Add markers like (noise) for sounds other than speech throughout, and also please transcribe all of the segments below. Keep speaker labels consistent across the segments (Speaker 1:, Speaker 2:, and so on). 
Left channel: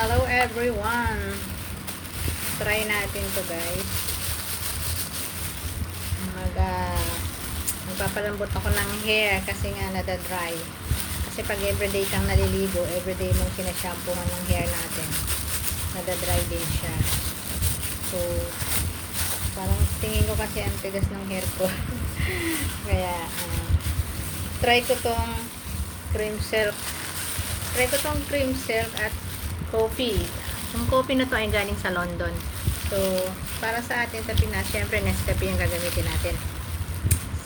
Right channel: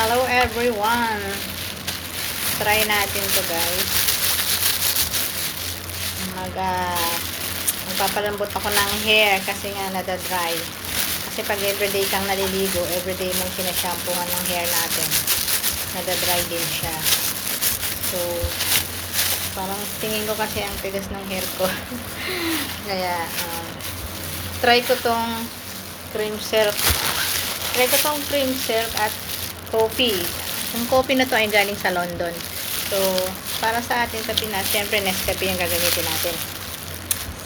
Speaker 1: Hello everyone. Try natin to guys. Mag uh, magpapalambot ako ng hair kasi nga nada-dry. Kasi pag everyday kang naliligo, everyday mong sinashampooan ng hair natin. Nada-dry din siya. So, parang tingin ko kasi ang tigas ng hair ko. (laughs) Kaya, uh, try ko tong cream silk. Try ko tong cream silk at coffee. Yung coffee na to ay galing sa London. So, para sa atin sa Pinas, syempre Nescafe yung gagamitin natin.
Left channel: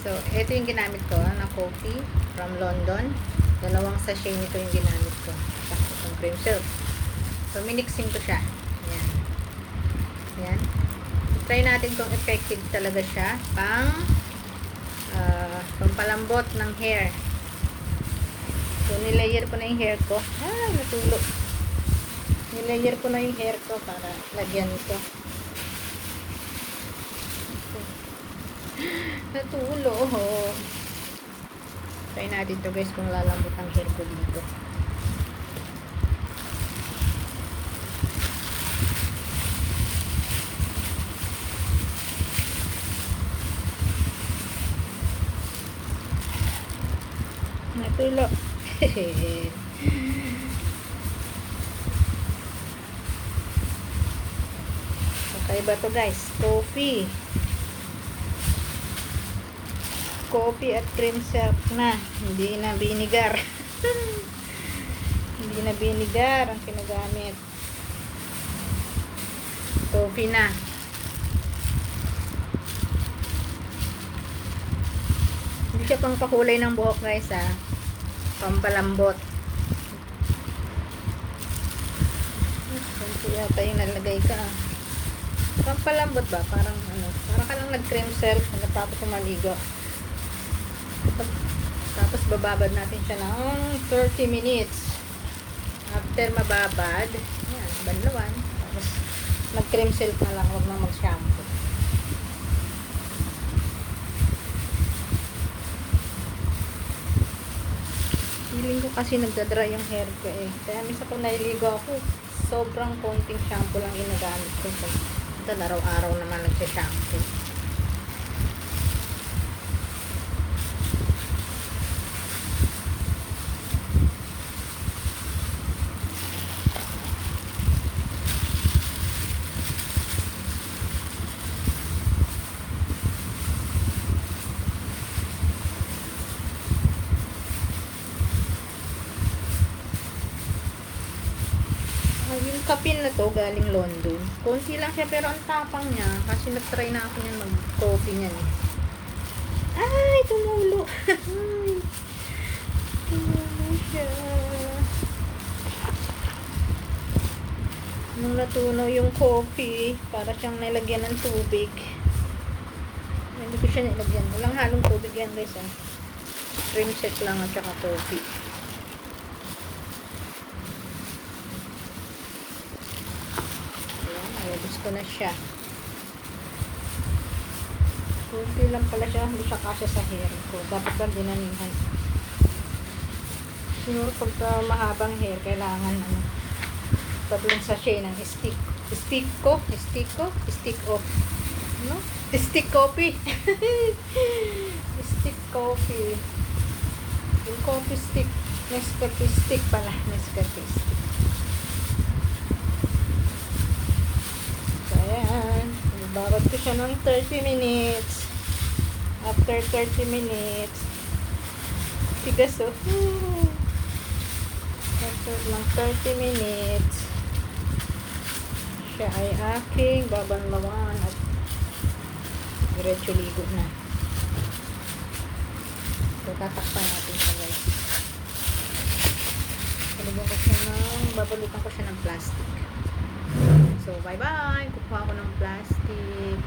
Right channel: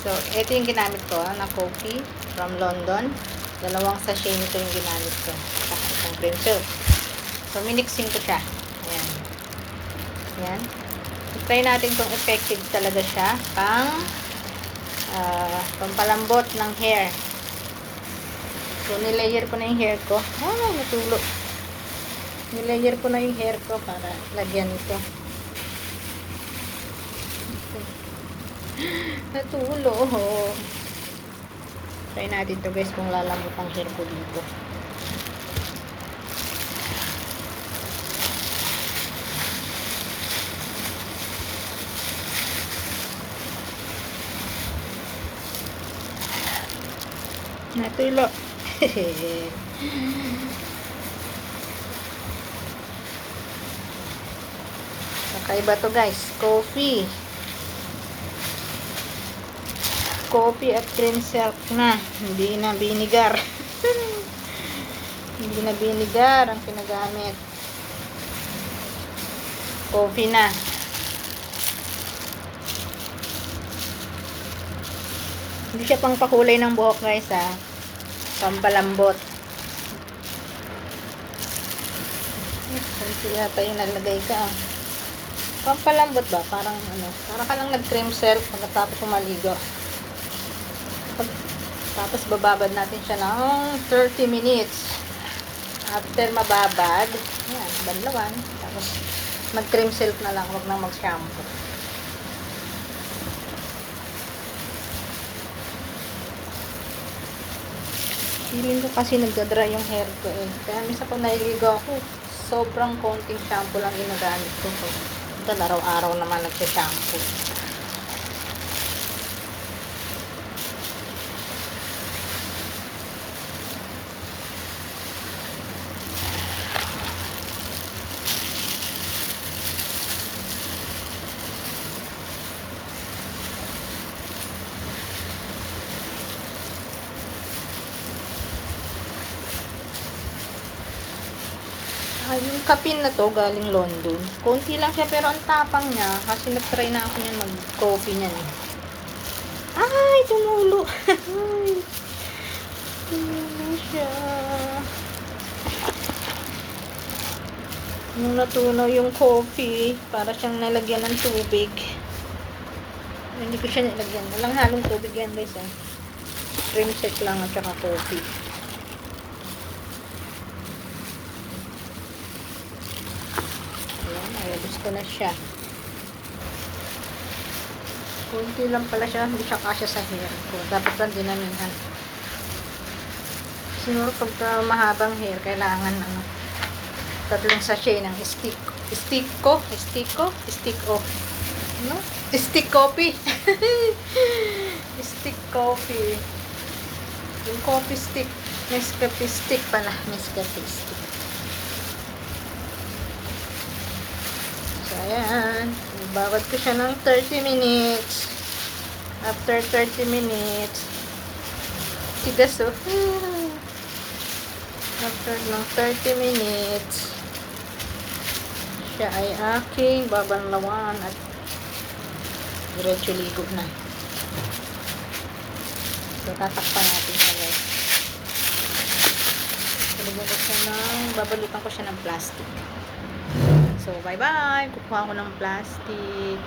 Speaker 1: So, ito yung ginamit ko ah, na coffee from London. Dalawang sachet nito yung ginamit ko. Saka itong cream silk. So, minixing ko siya. Ayan. Ayan. So, try natin kung effective talaga siya pang uh, pampalambot ng hair. So, nilayer ko na yung hair ko. Ay, natulo. Nilayer ko na yung hair ko para lagyan ito. (laughs) Natulo. Try natin to guys kung lalambot ang hair ko dito. Natulo. (laughs) (laughs) Kakaiba to guys. Coffee. Coffee at cream silk na. Hindi na binigar. (laughs) Hindi na binigar ang kinagamit. Coffee na. Hindi siya pang pakulay ng buhok guys ha. Pampalambot. Kunti yata yung nalagay ka ah. Pampalambot ba? Parang ano, parang ka lang nag-cream silk pagkatapos umaligo. Tapos bababad natin siya ng 30 minutes. After mababad, yan, banlawan. Tapos mag-cream silk na lang, wag nang mag-shampoo. Feeling ko kasi nagdadry yung hair ko eh. Kaya minsan pag nailigo ako, sobrang konting shampoo lang ginagamit ko. Ito, araw-araw naman nagsashampoo. Ah, yung kapin na to galing London. Konti lang siya pero ang tapang niya kasi nag-try na ako niyan mag-coffee niyan eh. Ay, tumulo. (laughs) Ay, tumulo siya. Nung natunaw yung coffee, para siyang nalagyan ng tubig. Hindi ko siya nilagyan. Walang halong tubig yan guys ah. Cream set lang at saka coffee. Ko na siya. Kunti lang pala siya, hindi siya kasya sa hair ko. Dapat lang dinamihan. Siguro pagka mahabang hair, kailangan ano, tatlong sachet ng stick. Stick ko? Stick ko? Stick off. No? Stick coffee. (laughs) stick coffee. Yung coffee stick. Nescafe stick pala. Nescafe stick. So, ayan. Ibabad ko siya ng 30 minutes. After 30 minutes, tigas oh. (laughs) After ng 30 minutes, siya ay aking babanlawan at diretso ligo na. So, tatakpan natin siya guys. Talagyan ko siya babalutan ko siya ng plastic. So, bye-bye. Kukuha ko ng plastic.